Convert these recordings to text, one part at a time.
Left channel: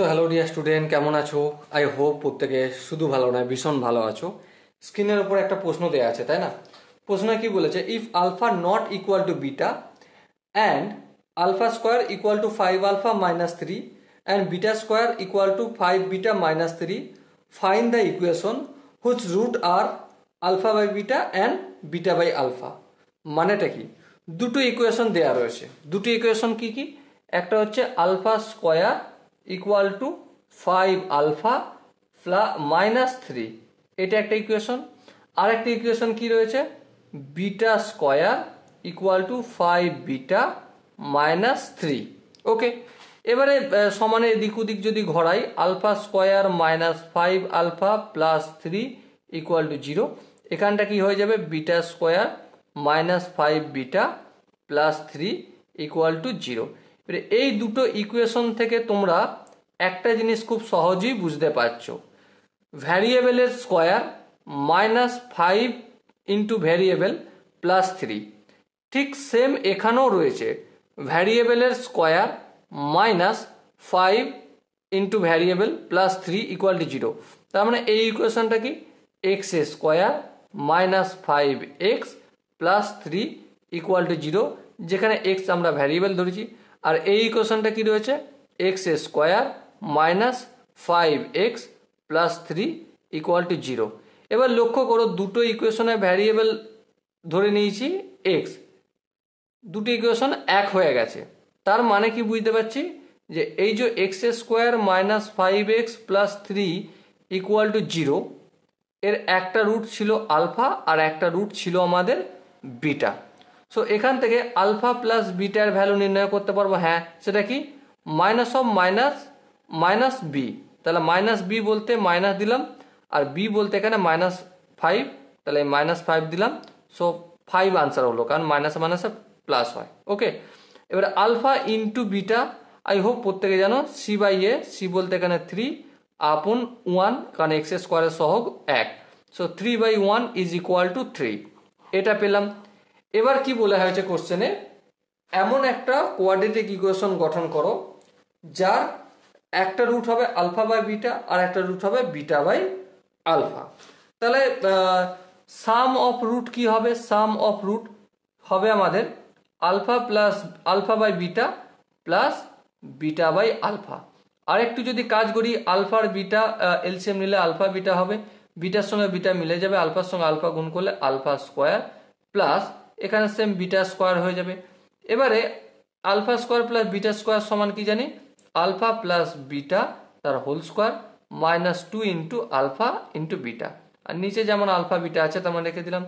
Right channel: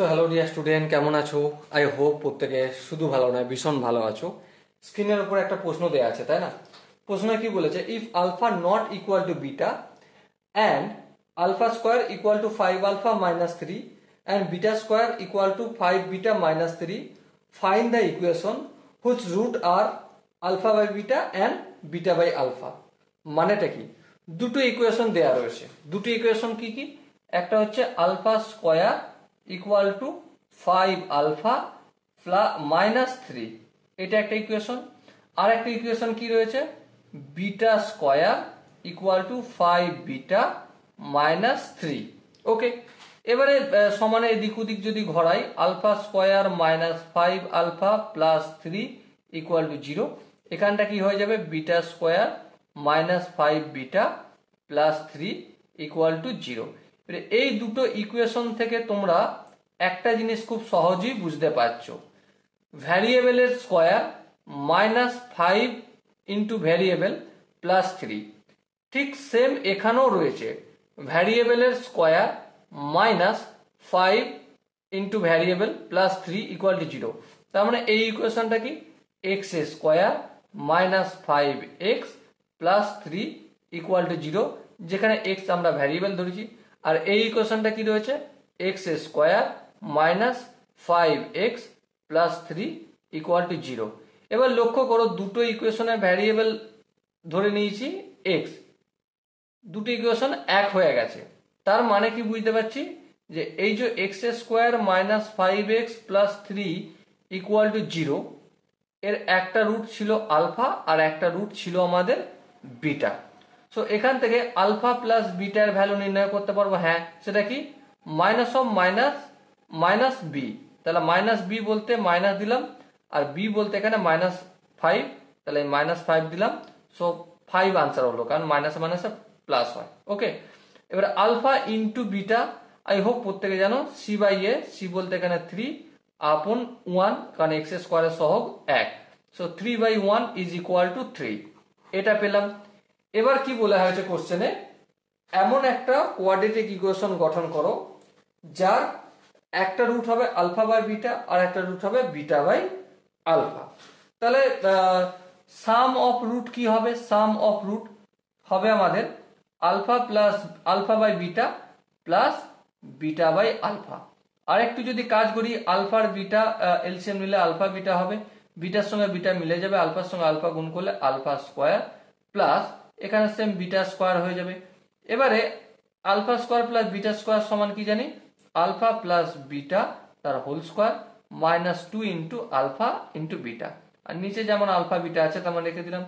So hello dear student, কেমন আছো? I hope প্রত্যেকে শুধু ভালো না ভীষণ ভালো আছো। স্ক্রিনের উপর একটা প্রশ্ন দেওয়া আছে, তাই না? প্রশ্নে কি বলেছে, if alpha not equal to beta and alpha square equal to 5 alpha minus 3 and beta square equal to 5 beta minus 3, find the equation which root are alpha by beta and beta by alpha. মানেটা কি? দুটো equation দেওয়া রয়েছে। দুটো equation কি কি? একটা হচ্ছে alpha square equal to 5 alpha minus 3, এটা একটা ইকুয়েশন। আর একটা ইকুয়েশন কি রয়েছে, beta square equal to 5 beta minus 3। Okay, এবারে সমানে এদিক ওদিক যদি ঘোরাই, alpha square minus 5 alpha plus 3 equal to 0, এখানটা কি হয়ে যাবে, beta square minus 5 beta plus 3 equal to 0। এই দুটো ইকুয়েশন থেকে তোমরা একটা জিনিস খুব সহজেই বুঝতে পারছো, ভ্যারিয়েবলের square minus 5 into variable plus 3, ঠিক সেম এখানেও রয়েছে ভ্যারিয়েবলের square minus 5 into variable plus 3 equal to 0। তার মানে এই ইকুয়েশনটা কি, X square minus 5 x plus 3 equal to 0, যেখানে এক্স আমরা ভ্যারিয়েবল ধরেছি। আর এই ইকুয়েশনটা কি রয়েছে, x square minus 5 x plus 3 equal to 0। এবার লক্ষ্য করো, দুটো ইকুয়েশনে ভ্যারিয়েবল ধরে নিয়েছি এক্স, দুটো ইকুয়েশন এক হয়ে গেছে। তার মানে কি বুঝতে পারছি, যে এই যে x square minus 5 x plus 3 equal to 0, এর একটা রুট ছিল আলফা আর একটা রুট ছিল আমাদের বিটা। সো এখান থেকে আলফা প্লাস বিটার ভ্যালু নির্ণয় করতে পারবো। হ্যাঁ, সেটা কি, minus of minus minus B. তাহলে মাইনাস বি বলতে মাইনাস দিলাম, আর বি বলতে এখানে মাইনাস 5, তাহলে মাইনাস 5 দিলাম। সো 5 আনসার হলো, কারণ মাইনাস মাইনাসে প্লাস হয়। ওকে, এবার alpha into beta, I hope প্রত্যেকে জানো, সি বাই এ, সি বলতে এখানে 3 আপন 1, কারণ এক্স স্কোয়ারের সহগ 1। So 3 by 1 is equal to 3, এটা পেলাম। এবার কি বলা হয়েছে কোশ্চেনে, এমন একটা কোয়াড্রেটিক ইকুয়েশন গঠন করো যার একটা রুট হবে আলফা বাই বিটা আর একটা রুট হবে বিটা বাই আলফা। তাহলে সাম অফ রুট কি হবে, সাম অফ রুট হবে আমাদের alpha plus alpha by beta plus beta by alpha. আর একটু যদি কাজ করি, আলফার বিটা এলসিএম নিলে আলফা বিটা হবে, বিটার সঙ্গে বিটা মিলে যাবে, আলফার সঙ্গে আলফা গুণ করলে আলফা স্কোয়ার প্লাস এখানে সেম বিটা স্কোয়ার হয়ে যাবে। এবারে alpha square plus beta square সমান কি জানি, আলফা প্লাস বিটা তার whole square minus 2 into alpha into beta. আর নিচে যেমন আলফা বিটা আছে তেমন রেখে দিলাম।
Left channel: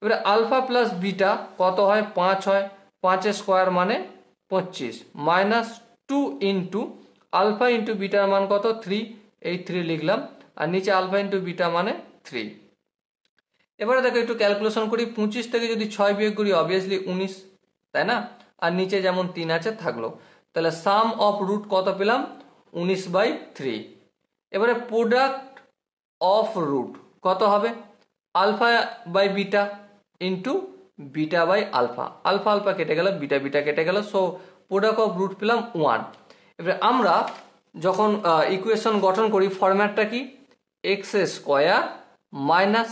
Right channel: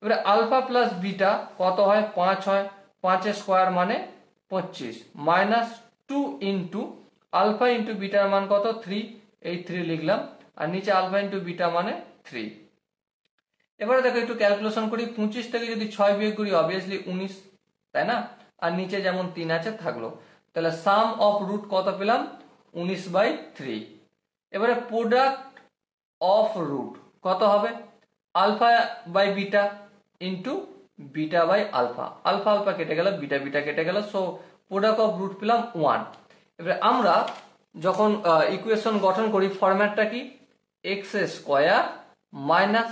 এবারে আলফা প্লাস বিটা কত হয়, 5 হয়, 5 স্কোয়ার মানে 25 মাইনাস 2 ইন্টু আলফা ইন্টু বিটার মান কত, 3, এই 3 লিখলাম, আর নিচে আলফা ইন্টু বিটা মানে 3। এবারে দেখো একটু ক্যালকুলেশন করি, 25 থেকে যদি 6 বিয়োগ করি অবভিয়াসলি 19, তাই না? আর নিচে যেমন 3 আছে থাকলো। তাহলে সাম অফ রুট কত পেলাম, 19 বাই 3। এবারে প্রোডাক্ট অফ রুট কত হবে, alpha by beta into beta by alpha, alpha alpha কেটে গেল, বিটা বিটা কেটে গেল, সো প্রোডাক্ট অফ রুট পেলাম 1। এবারে আমরা যখন ইকুয়েশন গঠন করি, ফরম্যাটটা কি, X square minus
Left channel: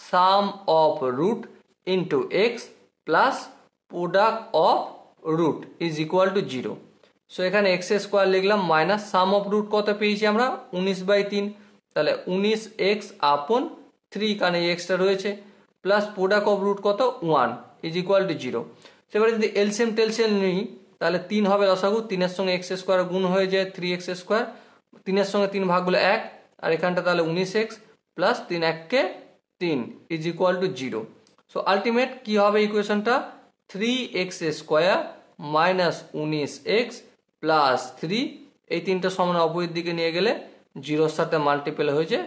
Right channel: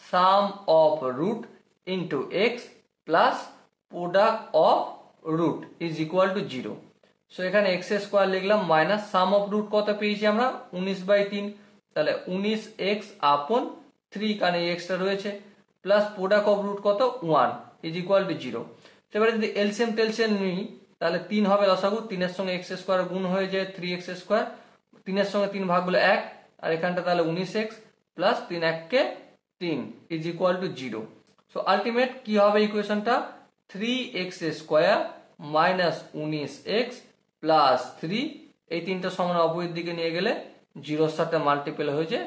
sum of root into X plus product of root is equal to 0। So এখানে এক্স স্কোয়ার লিখলাম মাইনাস সাম অফ রুট কত পেয়েছি আমরা, 19 বাই 3, তাহলে 19 এক্স আপন 3, কারণ এই এক্সটা রয়েছে, প্লাস প্রোডাক্ট অফ রুট কত 1 ইজ ইকুয়াল টু 0। সেবারে যদি এলসিএম টেলসিএম নিই, তাহলে 3 হবে লসাগু, 3 এর সঙ্গে এক্স স্কোয়ার গুণ হয়ে যায় 3x স্কোয়ার, 3 এর সঙ্গে 3 ভাগ হলে 1, আর এখানটা তাহলে 19x plus 3 1 3 is equal to 0। So ultimate কি হবে ইকুয়েশনটা, 3x square minus 19x plus 3, এই তিনটা সমান অপোজিট দিকে নিয়ে গেলে 0-র সাথে মাল্টিপল হয়ে যে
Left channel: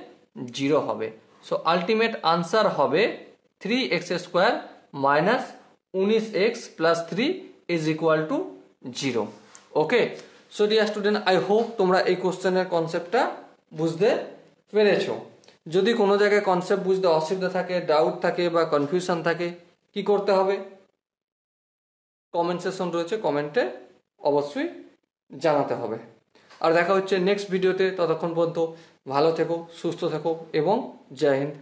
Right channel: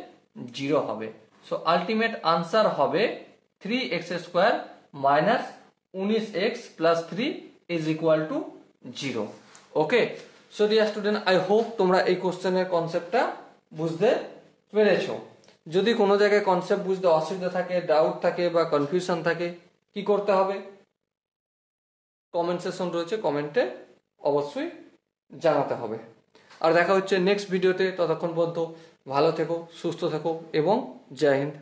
0 হবে। সো আলটিমেট আনসার হবে 3x square minus 19x plus 3 is equal to 0। Okay, so dear student, I hope তোমরা এই কোশ্চেনের কনসেপ্টটা বুঝতে পেরেছো। যদি কোনো জায়গায় কনসেপ্ট বুঝতে অসুবিধা থাকে, ডাউট থাকে বা কনফিউশন থাকে, কি করতে হবে, কমেন্ট সেকশন রয়েছে, কমেন্টে অবশ্যই জানাতে হবে। আর দেখা হচ্ছে নেক্সট ভিডিওতে। ততক্ষণ পর্যন্ত ভালো থেকো, সুস্থ থেকো এবং জয় হিন্দ।